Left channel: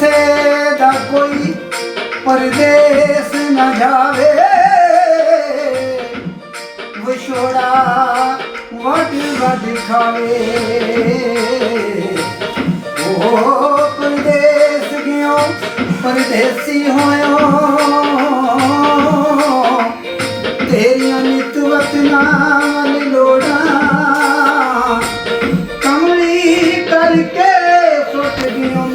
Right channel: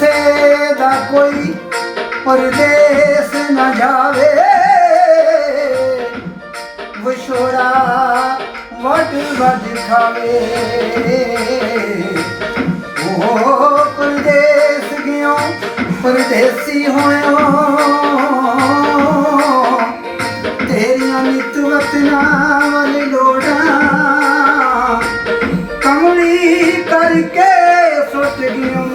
ਕਿਸੇ ਦਾ ਕੋਈ ਪਰਦੇਸ ਨਾ ਜਾਵੇ। ਵਿਛੋੜਾ ਵੱਡ ਵੱਡ ਖਾਵੇ। ਉਹ ਪਰਦੇਸ ਗਿਓ ਪਰਦੇਸੀ ਹੋਇਓ? ਤੇਰੀਆਂ ਨਿਤ ਵਤਨਾਂ ਵੱਲ ਲੋੜਾਂ ਕਮਲੀ ਕਰਕੇ ਸੁੱਟ ਗਿਓ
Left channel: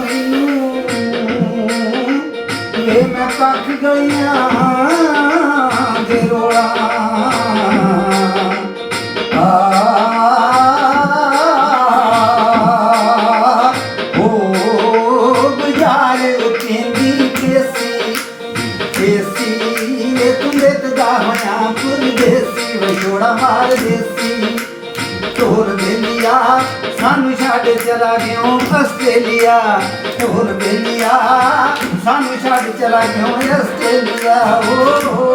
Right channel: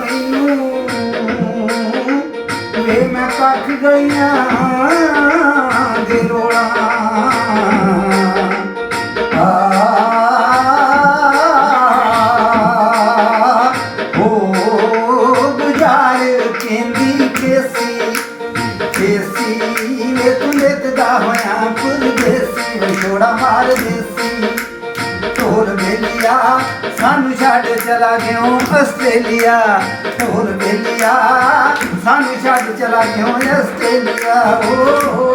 ਤੂੰ ਦੇਤਦਾ ਹੋਇਆ ਪਰਦੇਸੀ ਵਿਛੋੜਾ ਮਾਰ ਦੇਸੀ ਢੋਲ ਬੇਲੀਆ ਸਾਨੂੰ ਛੱਡ ਚਲਾ ਗਿਓ ਆਸਟ੍ਰੇਲੀਆ ਢੋਲ ਬੇਲੀਆ ਸਾਨੂੰ ਛੱਡ ਚਲਾ ਗਿਓ ਆਸਟ੍ਰੇਲੀਆ ਓ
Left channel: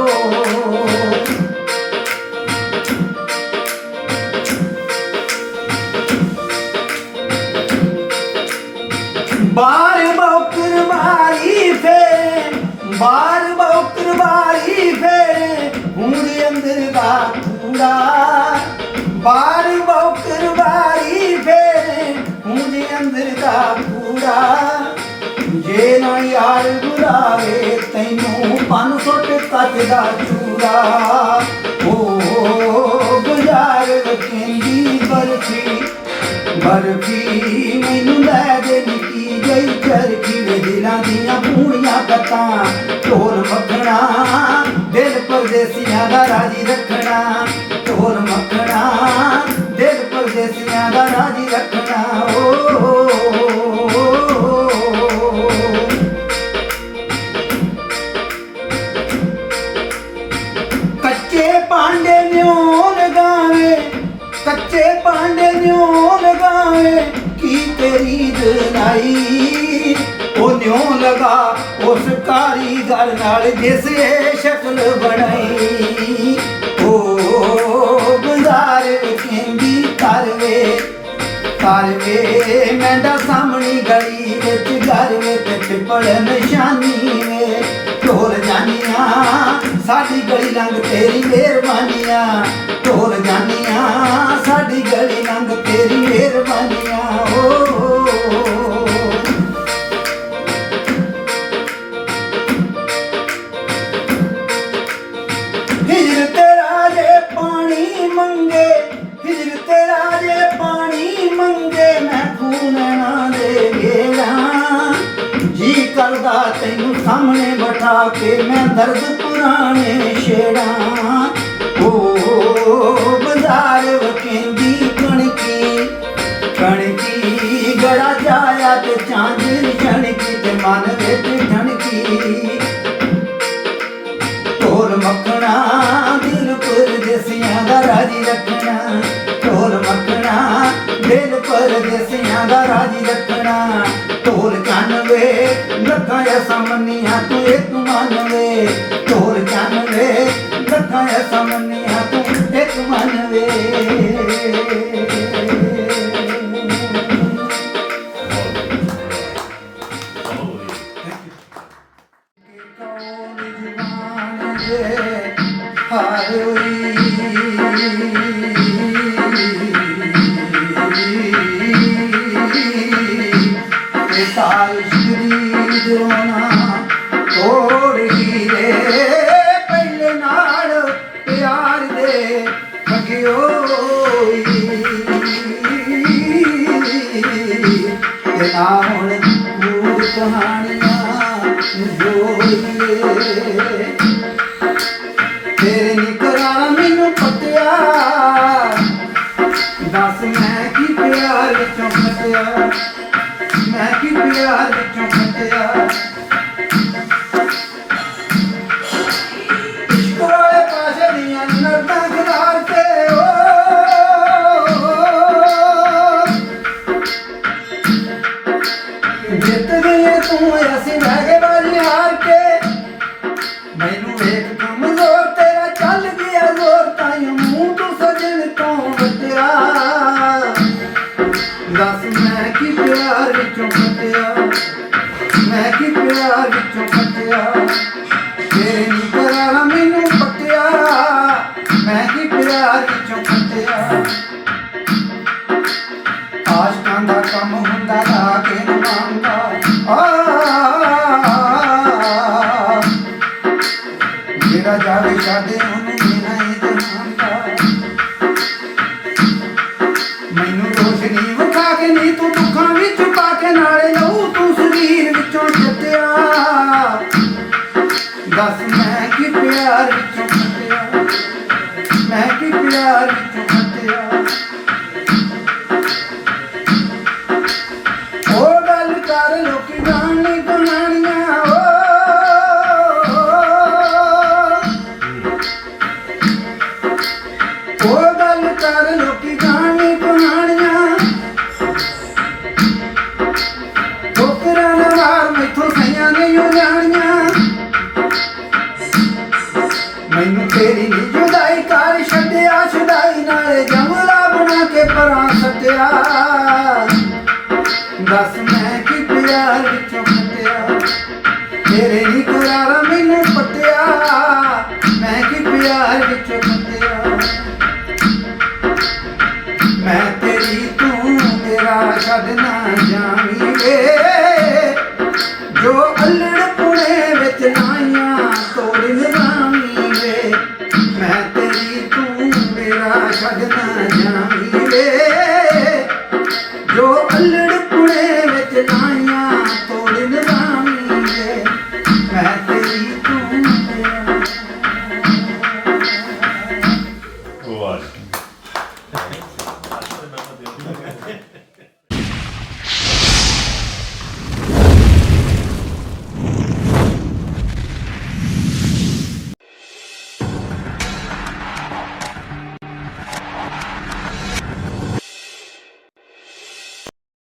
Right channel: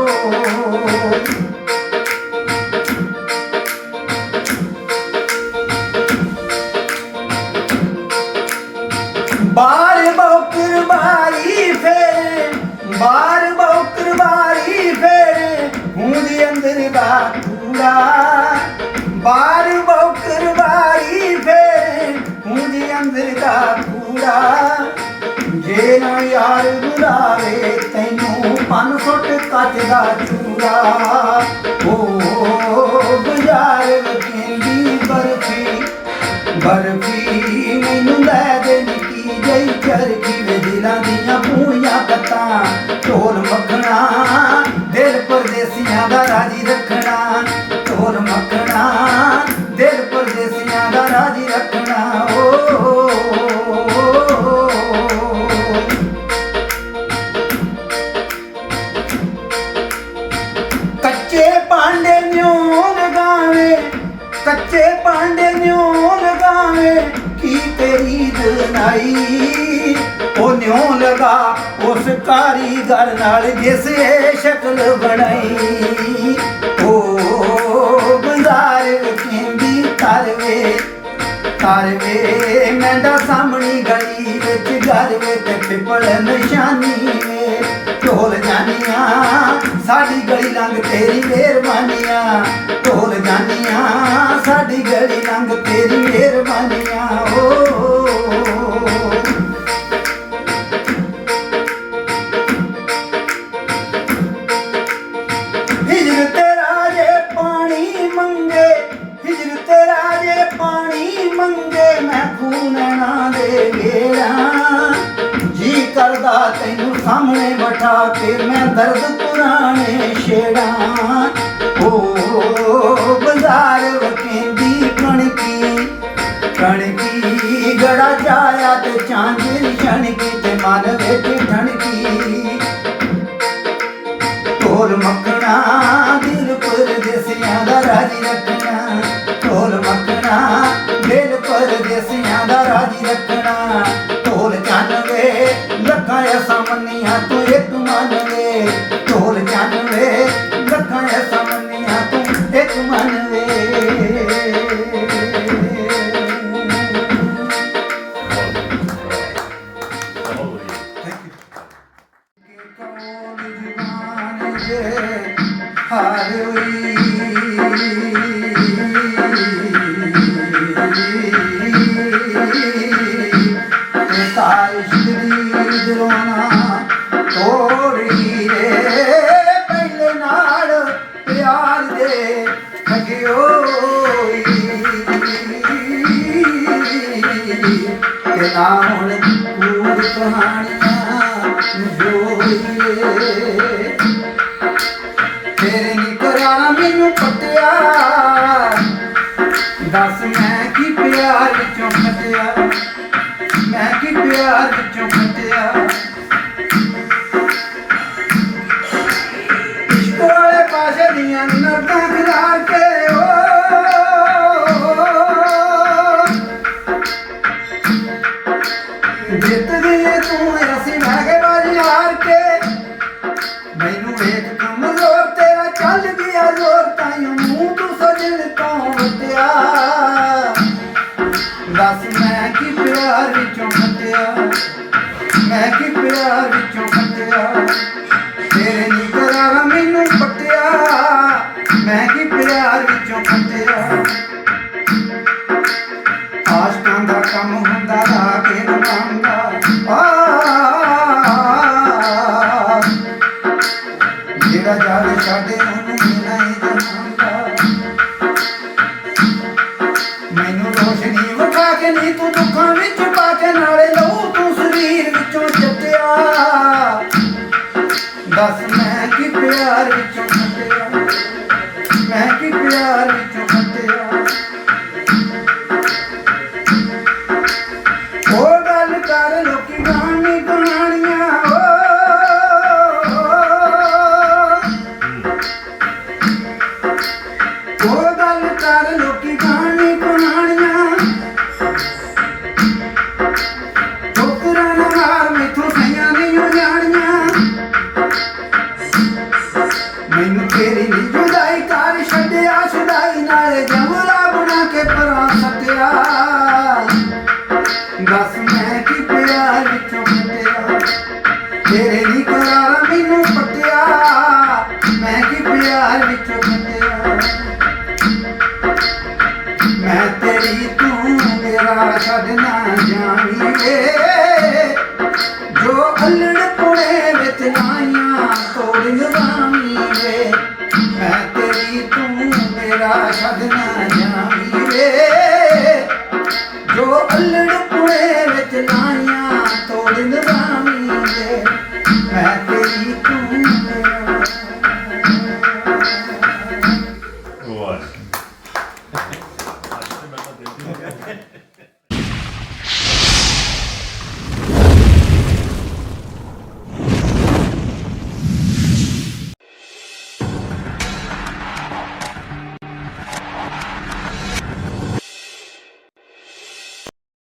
ਬਾਰ ਬੌਕਰ ਬਾਰੀ ਫੇਰੇ ਬਾਰ ਬੌਕਰ ਬਾਰੀ ਫੇਰੇ ਹੁੰਦ ਅੰਦਰ ਦਾ ਕੂੜਾ ਬਾਰ ਬੌਕਰ ਬਾਰੀ ਕੂੜਾ ਜੇ ਨਾ ਯਾਰ ਗੁਲਾਵੇ ਤੈਨੂੰ ਪੰਨ ਸੁੱਟ ਕੱਚ ਦਾ ਚੂੜਾ ਓ ਗੁਜ਼ਾਰ ਵਕੀਂਦੀ ਬਰਫੀ ਬਰਫੀ ਮੈਨੂੰ ਲੈ ਦੇ ਨਿੱਕੀ ਜਈ ਚਰਖੀ ਵੇ ਦਿਲਾਂ ਦੀਆਂ ਪੂਰੀਆਂ ਗੱਤਾਂ ਢੋਲ ਮੱਖਣਾ। ਦਿਲ ਪਰਦੇਸੀਆਂ ਦਾ ਰਾਜੀ ਰੱਖਣਾ, ਢੋਲ ਮੱਖਣਾ। ਕੱਚੇ ਪਾਂਡੇ ਨਿਉ ਲਗਾਵੇ ਕੀ ਤੇਰੀ ਦਨਾਈ? ਉਹ ਨਿਉ ਲਗਾ, ਉਸ ਕਾਰੀਗਰ ਨਾਲ ਜਿਸ ਇਹ ਸ਼ਕਲ ਬਣਾਈ। ਓ ਗੁਜ਼ਾਰ ਕਹਿੰਦੀ ਕਰਵੇ ਕਰਵੇ ਮੈਂ ਦਾ ਸਾਹਮਣੀ ਗਲੀ ਵਿੱਚ ਘਰ ਵਿੱਚ ਪਿਪਲ ਨਿਸ਼ਾਨੀ ਵੇ। ਢੋਲ ਜਾਨੀਆਂ ਸਾਡੀ ਗਲੀ ਲੰਘ ਤੇਰੀ ਮਿਹਰਬਾਨੀਆਂ। ਢੋਲ ਜਾਨੀਆਂ ਸਾਡੀ ਗਲੀ ਲੰਘ ਤੇਰੀ ਮਿਹਰਬਾਨੀਆਂ ਓ ਹਿਜਰ ਤੇਰਾ ਜੇ ਪਾਣੀ ਮੰਗੇ, ਹਿਜਰ ਤੇਰਾ ਜੇ ਪਾਣੀ ਮੰਗੇ, ਮੈਂ ਖੂਨਣਾ ਦੇ ਗੇੜਾ ਜੀ ਕਰਦਾ ਤੈਨੂੰ ਸਾਹਮਣੇ ਬਿਠਾ ਕੇ, ਮੈਂ ਦਰਦ ਪੁਰਾਣੇ ਛੇੜਾਂ। ਪਰਦੇਸੀਆਂ ਦਾ ਰਾਜੀ ਰੱਖਣਾ ਢੋਲ ਮੱਖਣਾ ਦਿਲ ਪਰਦੇਸੀਆਂ ਦਾ ਰਾਜੀ ਰੱਖਣਾ ਢੋਲ ਚੰਨਵੇ ਲੱਖਾਂ ਸਮਨੀਆਂ ਤੂੰ ਇੱਕ ਮੰਨਵੇ ਢੋਲ ਚੰਨਵੇ ਲੱਖਾਂ ਸਮਨੀਆਂ ਤੂੰ ਇੱਕ ਮੰਨਵੇ ਕੌਣ तारीअ जो पल नालो ਵਿੱਚੋਂ ਖਟਿਆ। ਮੈਂ ਕੀ ਪਿਆਰ ਵਿੱਚੋਂ ਖਟਿਆ। ਕੋਲੇ ਪਾਸੇ ਦੀਆਂ ਨਰਦਾਂ ਖਿਲਾਰ ਕੇ ਜਿੱਤ ਗਈ ਤੂੰ, ਅਸੀਂ ਰਹਿ ਗਏ ਬਾਜੀ ਹਾਰ ਕੇ। ਮੈਨੂੰ ਵੇਖ 啊。ਮੈਥੋਂ ਸਈਆਂ ਨਹੀਂ ਜਾਣੀਆਂ। ਮੈਨੂੰ ਤੇਰੀ ਨਹੀਂ ਜੁਦਾਈ ਕਰ ਛੱਡਿਆ, ਛਡਾਈ ਨਾਲੇ ਜੰਗਲਾ ਬਣਾ ਕੇ ਪਰਾਂ ਸੱਟਿਆ ਦੱਸ ਮੈਂ ਕਿ ਪਿਆਰ ਵਿੱਚੋਂ ਫਟਿਆ ਤੇਰੇ the